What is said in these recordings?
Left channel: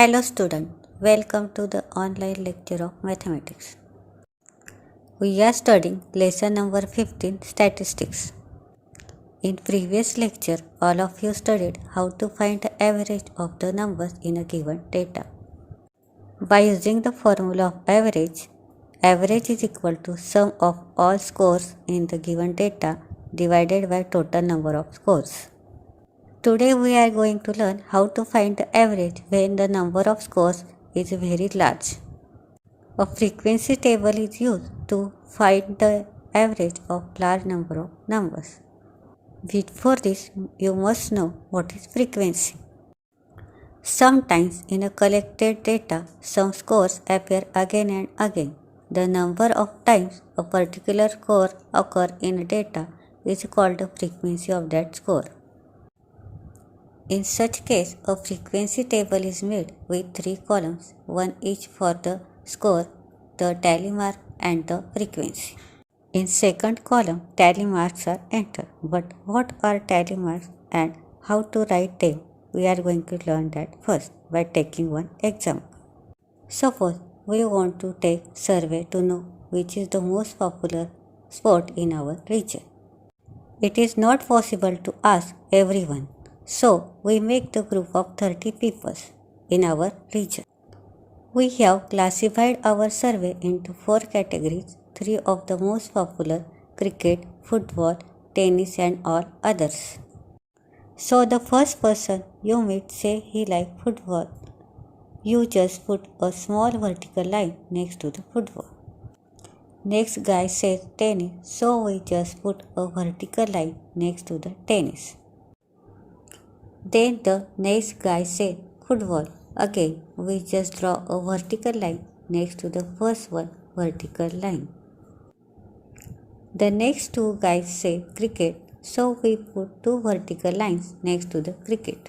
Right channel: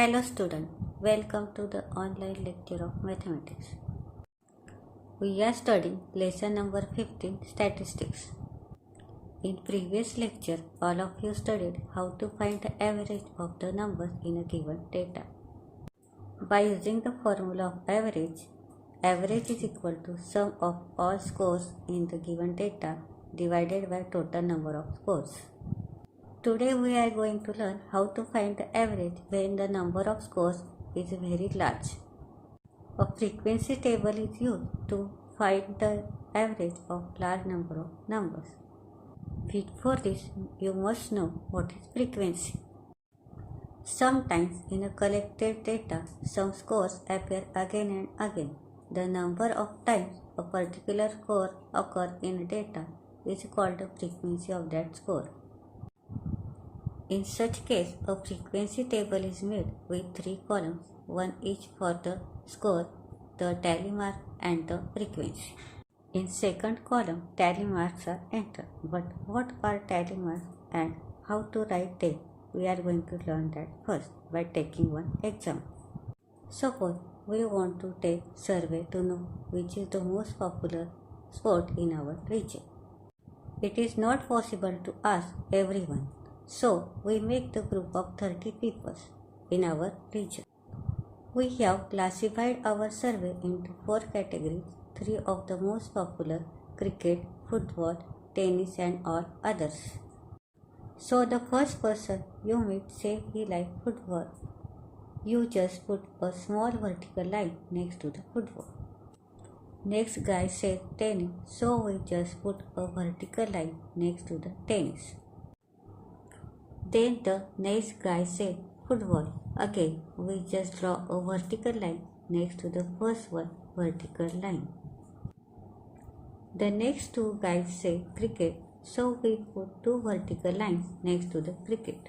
Hello student, welcome to the online lecture of mathematics. We are studying lesson number 15 statistics. In previous lecture, all of you studied how to find the average of the numbers in a given data. By using the formula of average is equal to sum of all scores in the given data divided by total number of scores. Today we are going to learn how to find the average when the number of scores is very large. A frequency table is used to find the average of large number of numbers. Before this, you must know what is frequency. Sometimes in a collected data, some scores appear again and again. The number of times a particular score occurs in data is called the frequency of that score. In such case, a frequency table is made with 3 columns, one each for the score, the tally mark and the frequency. In second column, tally marks are entered. But what are tally marks and how to write them? We are going to learn that first by taking one example. Suppose we want to take survey to know which is the most popular sport in our region. It is not possible to ask everyone. So, we make the group of 30 people in our region. We have classified our survey into 4 categories, 3 of the most popular: cricket, football, tennis and all others. So, the first person you meet say he likes football. You just put a small vertical line next to the football. Next guy says tennis, so we just put a vertical line next to the tennis. Then the next guy said football. Again, we just draw a vertical line next to the first one vertical line. The next two guys say cricket, so we put 2 vertical lines next to the cricket.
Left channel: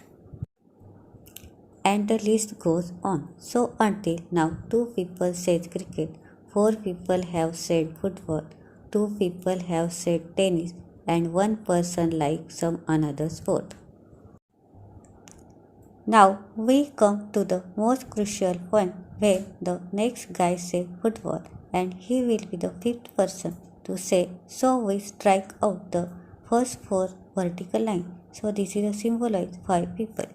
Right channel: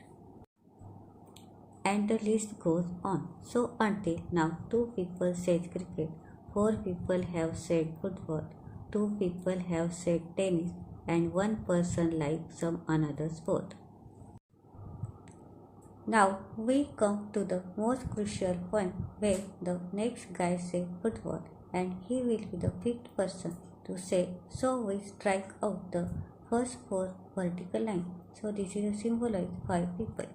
And the list goes on. So until now 2 people said cricket, 4 people have said football, 2 people have said tennis and 1 person likes some another sport. Now we come to the most crucial point where the next guy says football and he will be the 5th person to say, so we strike out the first 4 vertical lines. So this is a symbolize 5 people.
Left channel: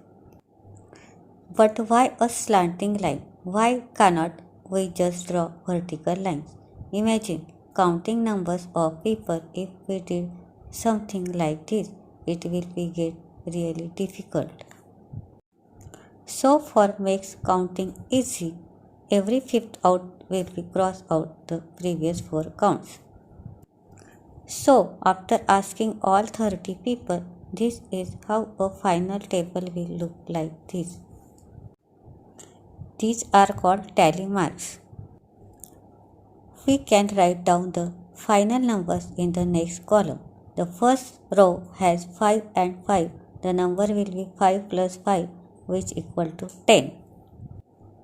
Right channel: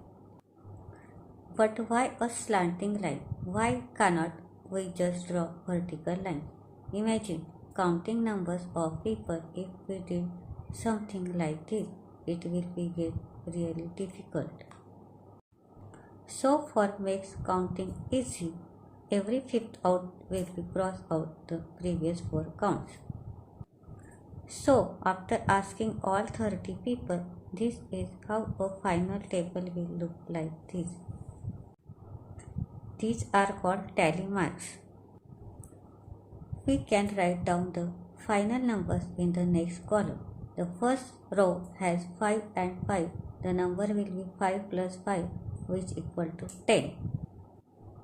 But why a slanting line? Why cannot we just draw vertical lines? Imagine counting numbers of people. If we did something like this, it will get really difficult. So for makes counting easy, every 5th out will be cross out the previous 4 counts. So after asking all 30 people, this is how a final table will look like this. These are called tally marks. We can write down the final numbers in the next column. The first row has 5 and 5. The number will be 5 plus 5, which equal to 10.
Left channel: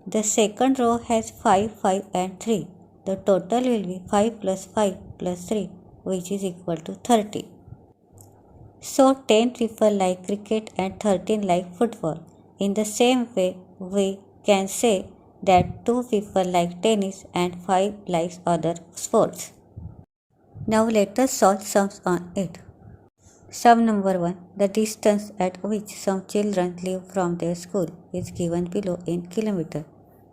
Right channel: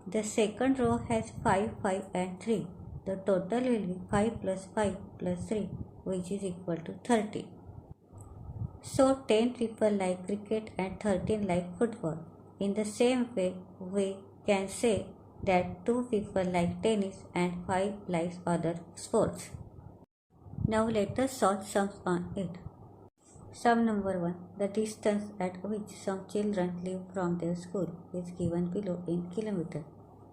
The second row has 5, 5 and 3. The total will be 5 plus 5 plus 3, which is equal to 30. So 10 people like cricket and 13 like football. In the same way, we can say that 2 people like tennis and 5 likes other sports. Now let us solve sums on it. Sum number 1. The distance at which some children live from their school is given below in kilometers.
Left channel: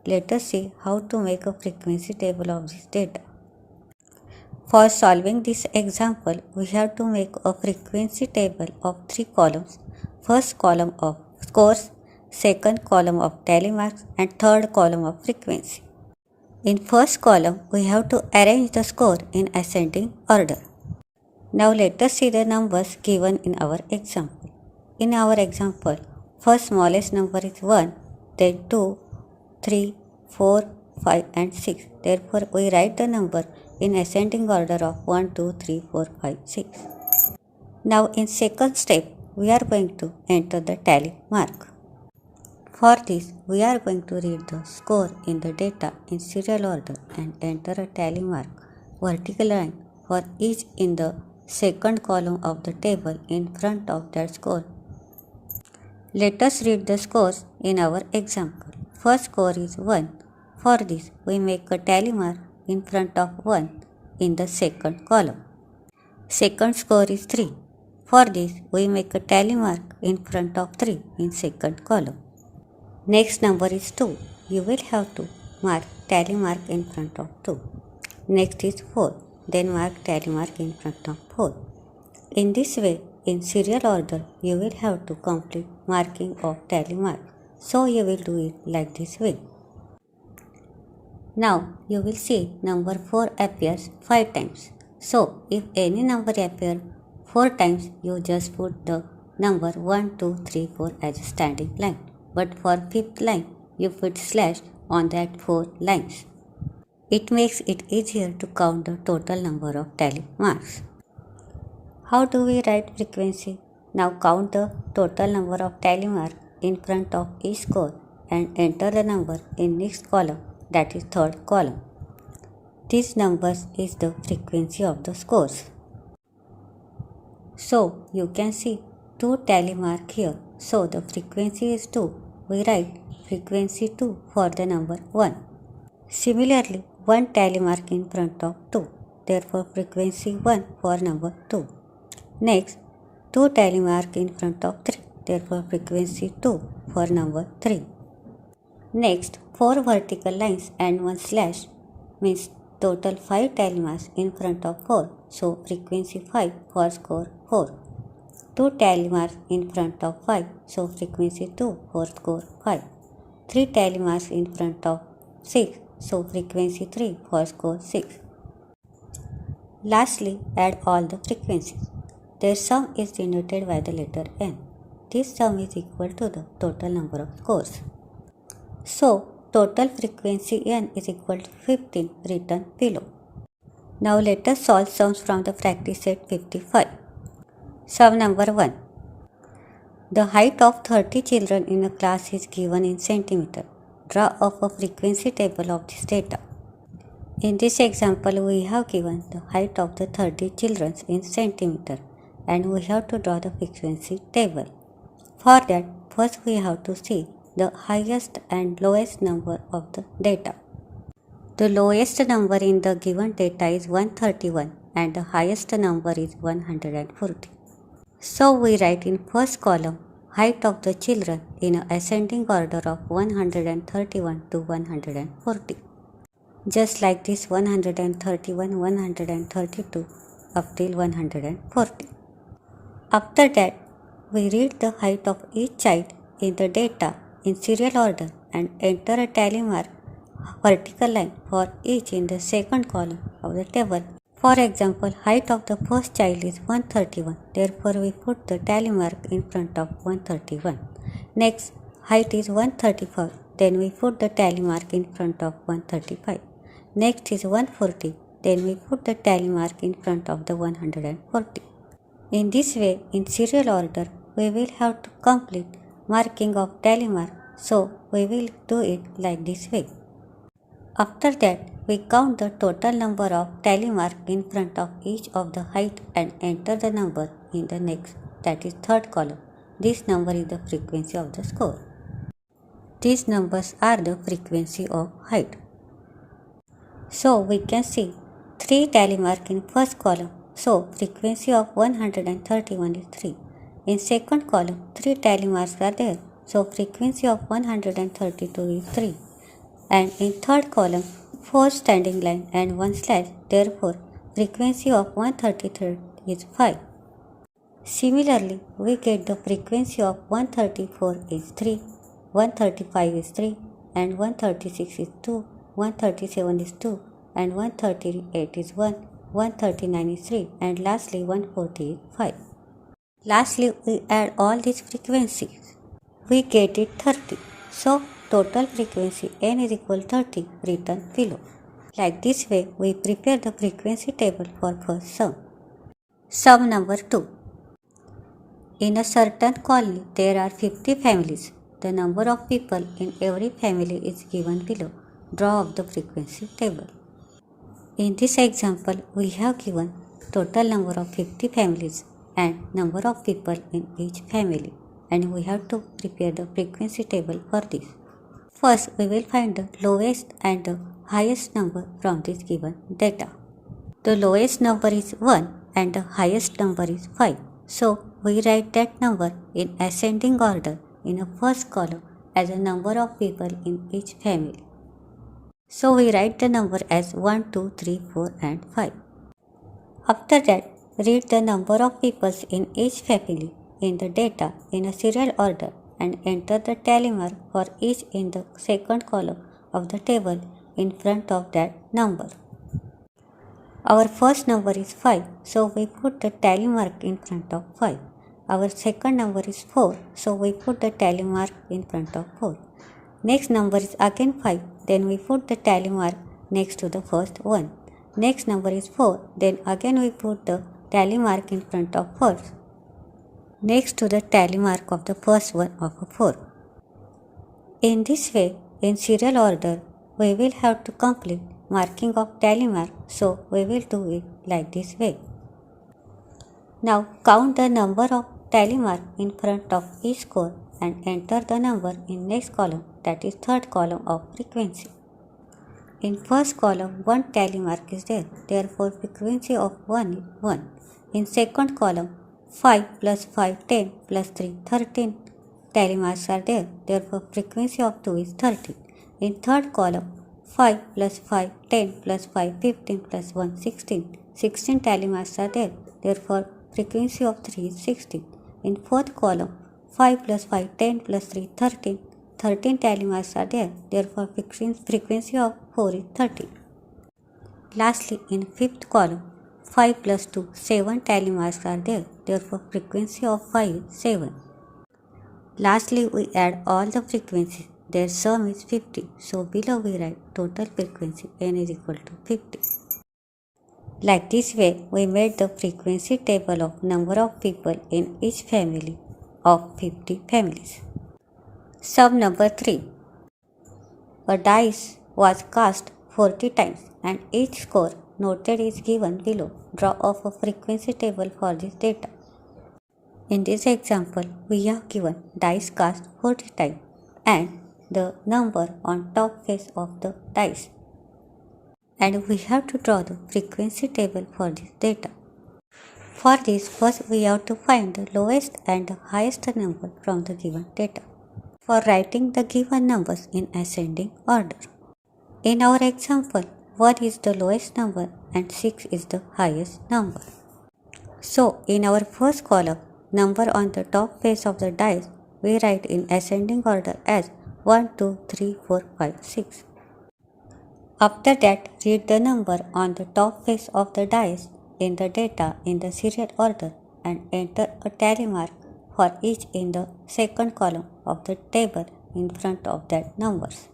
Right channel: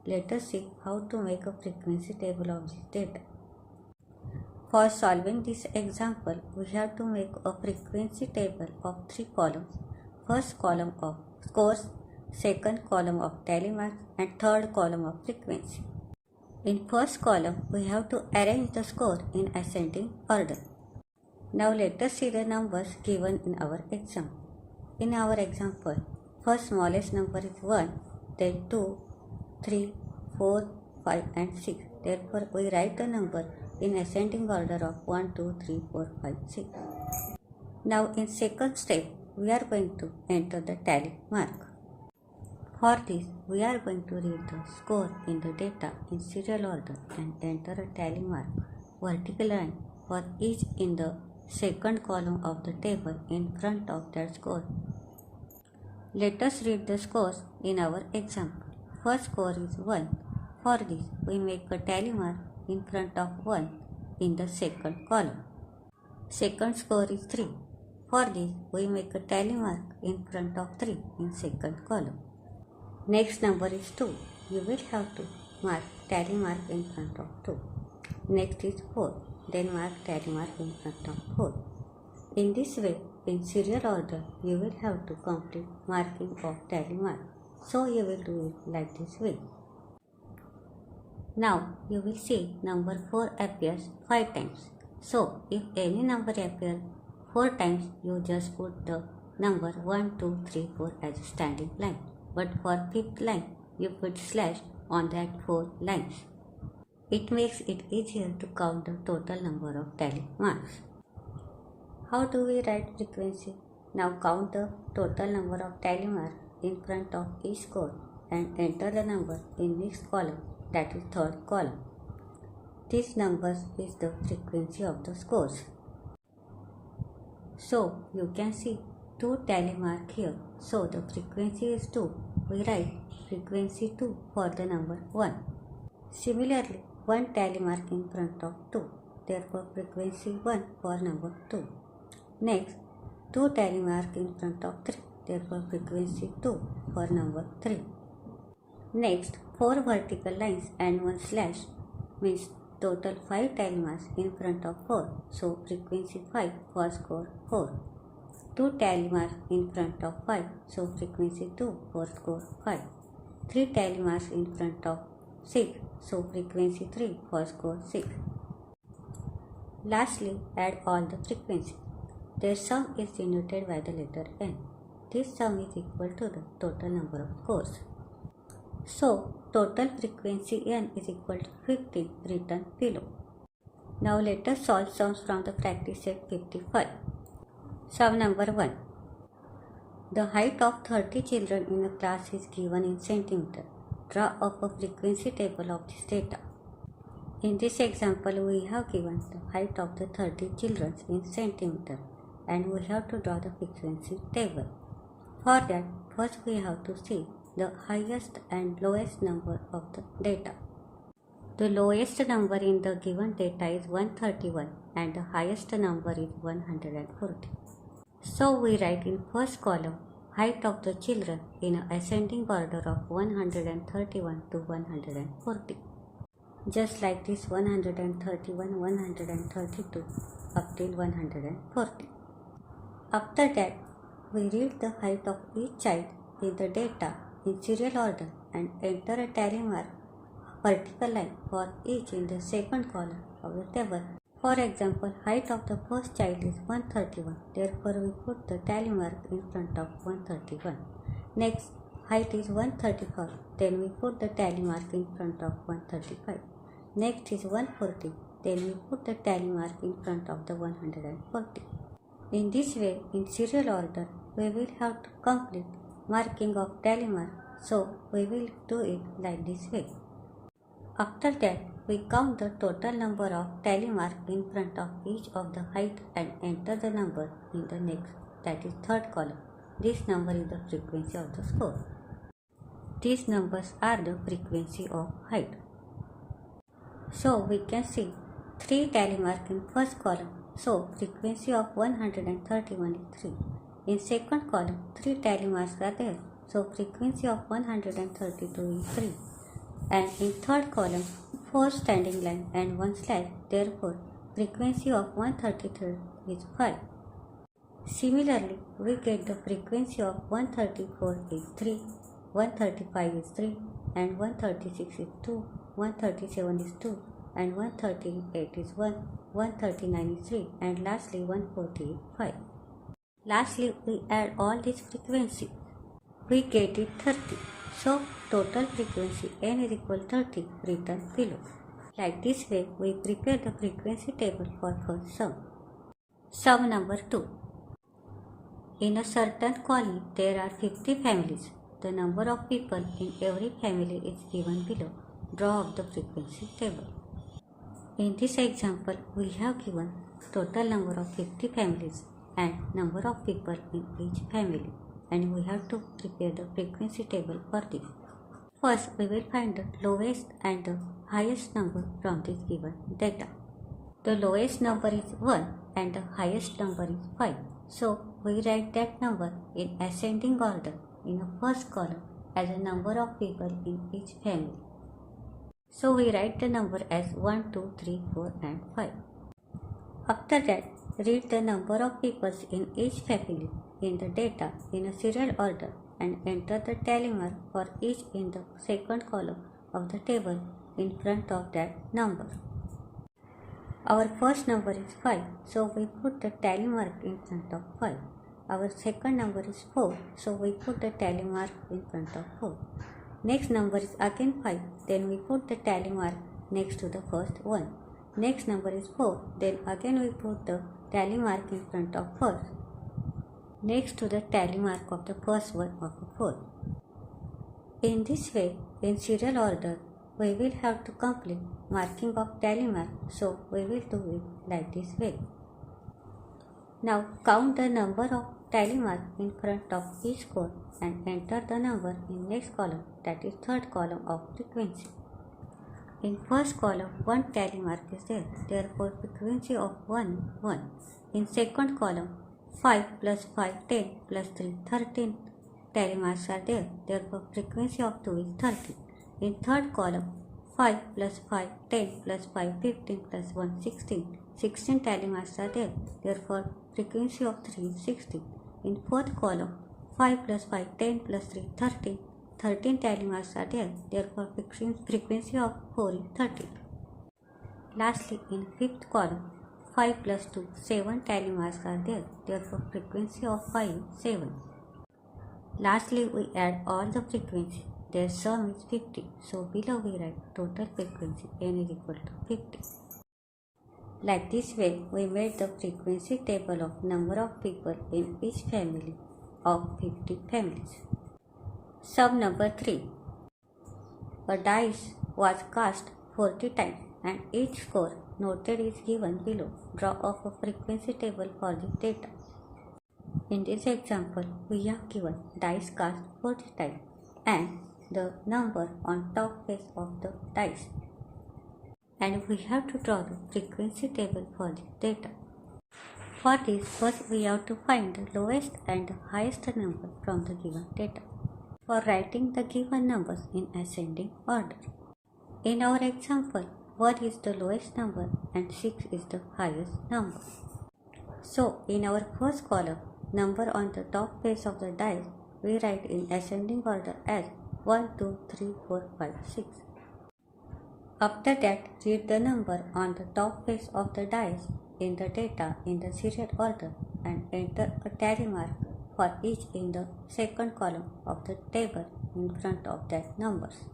Let us see how to make a frequency table of this data. For solving this example, we have to make a frequency table of 3 columns. First column of scores, second column of tally marks and third column of frequency. In first column, we have to arrange the score in ascending order. Now let us see the numbers given in our example. In our example, first smallest number is 1, then 2, 3, 4, 5 and 6. Therefore, we write the number in ascending order of 1, 2, 3, 4, 5, 6. Now in second step, we are going to enter the tally mark. For this, we are going to read the score in the data in serial order and enter a tally mark, vertical line for each in the second column of the table in front of that score. Let us read the scores in our example. first score is 1. For this, we make a tally mark in front of 1 in the second column. Second score is 3. For this, we make a tally mark in front of 3 in second column. Next number is 2. You will have to mark tally mark in front of 2. Next is 4. Then mark tally mark in front of 4. In this way, in serial order, you will have to complete marking of tally mark. So you will do it like this way. Now you will see number 4 appears 5 times. So if any number appears 4 times, you just put the number 1, 2, 3, 4 as a standing line. But for 5th line, you put slash on that 4 lines. It makes it easier to count the total number of tally marks. How do we write frequency? Now count the total number of tally marks in front of each score and enter the number in next column, that is third column. This number is the frequency of the scores. So you can see 2 tally mark here. So the frequency is 2. We write frequency 2 for the number 1. Similarly, 1 tally mark in front of 2. Therefore frequency 1 for number 2. Next, 2 tally mark in front of 3. Therefore frequency 2 for number 3. Next, 4 vertical lines and 1 slash means total 5 tally marks in front of 4. So frequency 5 for score 4. 2 tally marks in front of 5. So frequency 2 for score 5. 3 tally marks in front of 6. So frequency 3 for score 6. Lastly, add all the frequencies. Their sum is denoted by the letter n. This sum is equal to the total number of scores. So, total frequency n is equal to 15 written below. Now let us solve sums from the practice set 55. Sum number 1. The height of 30 children in a class is given in centimeter. Draw up a frequency table of this data. In this example, we have given the height of the 30 children in centimeter and we have to draw the frequency table. For that, first we have to see the highest and lowest number of the data. The lowest number in the given data is 131 and the highest number is 140. So we write in first column height of the children in an ascending order of 131 to 140. Just like this 131, 132 up till 140. After that, we read the height of each child in the data in serial order and enter a tally mark vertical line for each in the second column of the table. For example, height of the first child is 131. Therefore, we put the tally mark in front of 131. Next, height is 135. Then we put the tally mark in front of 135. Next is 140. Then we put the tally mark in front of the 140. In this way, in serial order, we will have to complete marking of tally mark. So, we will do it like this way. After that, we count the total number of tally mark in front of each of the height and enter the number in the next, that is third column. This number is the frequency of the score. These numbers are the frequency of height. So, we can see 3 tally mark in first column. So, frequency of 131 is 3. In second column, 3 tally marks are there. So, frequency of 132 is 3. And in third column, 4 standing line and 1 slash. Therefore, frequency of 133 is 5. Similarly, we get the frequency of 134 is 3, 135 is 3, and 136 is 2, 137 is 2, and 138 is 1, 139 is 3, and lastly 140 is 5. Lastly, we add all these frequencies. We get it 30. So, total frequency n is equal to 30 written below. Like this way, we prepare the frequency table for first sum. Sum number 2. In a certain colony, there are 50 families. The number of people in every family is given below. Draw up the frequency table. In this example, we have given total number of 50 families and number of people in each family, and we have to prepare the frequency table for this. First, we will find the lowest and the highest number from this given data. The lowest number is 1 and the highest number is 5. So, we write that number in ascending order in the first column as the number of people in each family. So, we write the number as 1, 2, 3, 4 and 5. After that, read the number of people in each family in the data in a serial order and enter the tally mark for each in the second column of the table in front of that number. Our first number is 5, so we put the tally mark in front of 5. Our second number is 4, so we put the tally mark in front of 4. Next number is again 5, then we put the tally mark next to the first one. Next number is 4, then again we put the tally mark in front of first, next to the tally mark of the first one of a 4. In this way, in serial order, we will have to complete marking of tally mark, so we will do it like this way. Now count the number of tally mark in front of each score and enter the number in next column, that is third column of frequency. In first column, 1 tally mark is there, therefore frequency of 1 is 1. In second column, 5 plus 5 10 plus 3 13 tally marks are there, therefore frequency of 2 is 13. In third column, 5 plus 5 10 plus 5 15 plus 1 16. 16 tally marks are there, therefore frequency of 3 is 16. In fourth column, 5 plus 5 10 plus 3 13. 13 tally marks are there, therefore frequency of 4 is 13. Lastly, in fifth column, 5 plus 2 7 tally marks are there, therefore frequency of 5 is 7. Lastly, we add all the frequencies. Their sum is 50. So below we write total frequency n is equal to 50. Like this way, we made the frequency table of number of people in each family of 50 families. Sum number 3. A dice was cast 40 times and each score noted is given below. Draw of a frequency table for this data. In this example, we are given dice cast 40 times and the number on top face of the dice. And we have to draw the frequency table for this data. For this, first we have to find the lowest and the highest number from the given data. For writing the given numbers in ascending order. In our example, 1 is the lowest number and 6 is the highest number. So, in our first column, number on the top face of the dice, we write in ascending order as 1, 2, 3, 4, 5, 6. After that, read the number on the top face of the dice in the data in the serial order and enter a tally mark for each in the second column of the table in front of that numbers.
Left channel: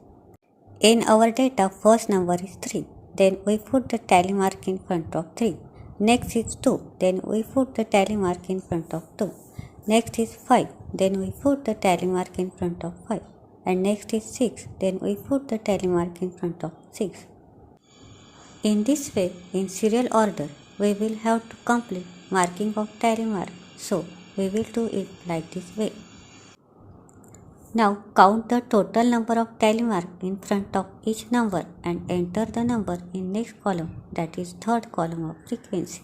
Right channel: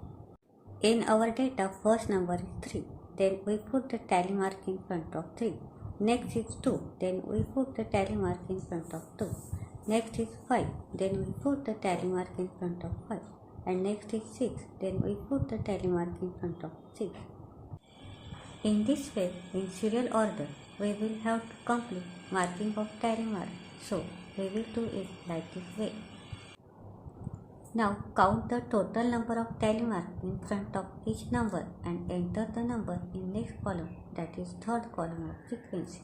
In our data, first number is 3. Then we put the tally mark in front of 3. Next is 2. Then we put the tally mark in front of 2. Next is 5. Then we put the tally mark in front of 5. And next is 6. Then we put the tally mark in front of 6. In this way, in serial order, we will have to complete marking of tally mark. So, we will do it like this way. Now count the total number of tally mark in front of each number and enter the number in next column, that is third column of frequency.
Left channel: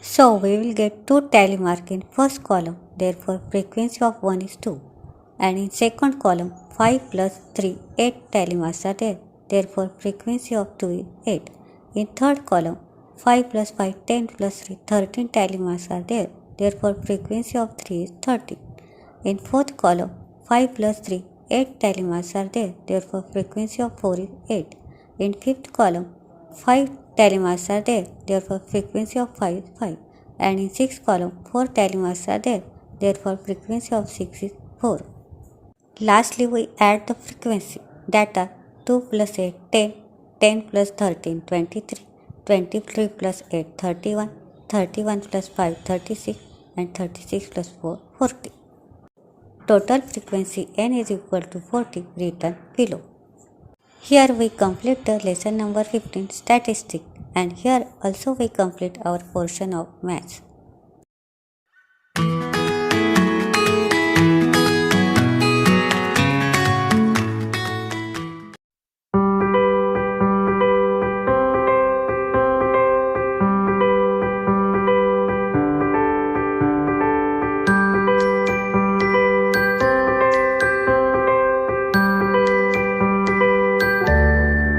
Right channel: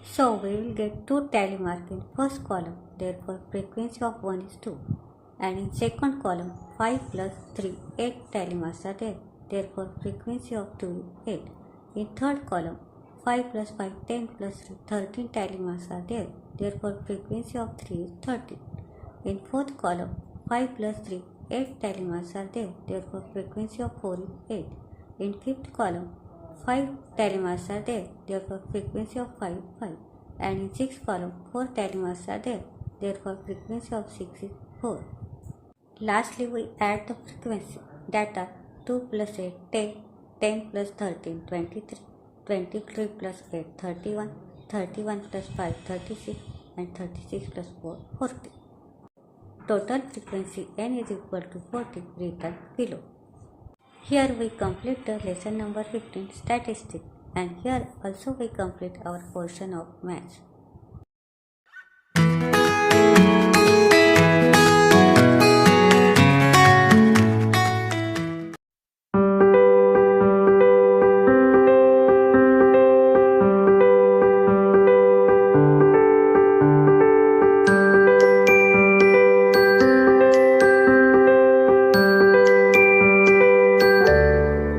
So we will get 2 tally mark in first column, therefore frequency of 1 is 2. And in second column, 5 plus 3 8 tally marks are there, therefore frequency of 2 is 8. In third column, 5 plus 5 10 plus 3 13 tally marks are there, therefore frequency of 3 is 13. In fourth column, 5 plus 3 8 tally marks are there, therefore frequency of 4 is 8. In fifth column, 5 tally marks are there, therefore frequency of 5 is 5. And in sixth column, 4 tally marks are there, therefore frequency of 6 is 4. Lastly, we add the frequency that are 2 plus 8 10, 10 plus 13 23, 23 plus 8 31, 31 plus 5 36, and 36 plus 4 40. Total frequency n is equal to 40 written below. Here we complete the lesson number 15 statistics, and here also we complete our portion of maths.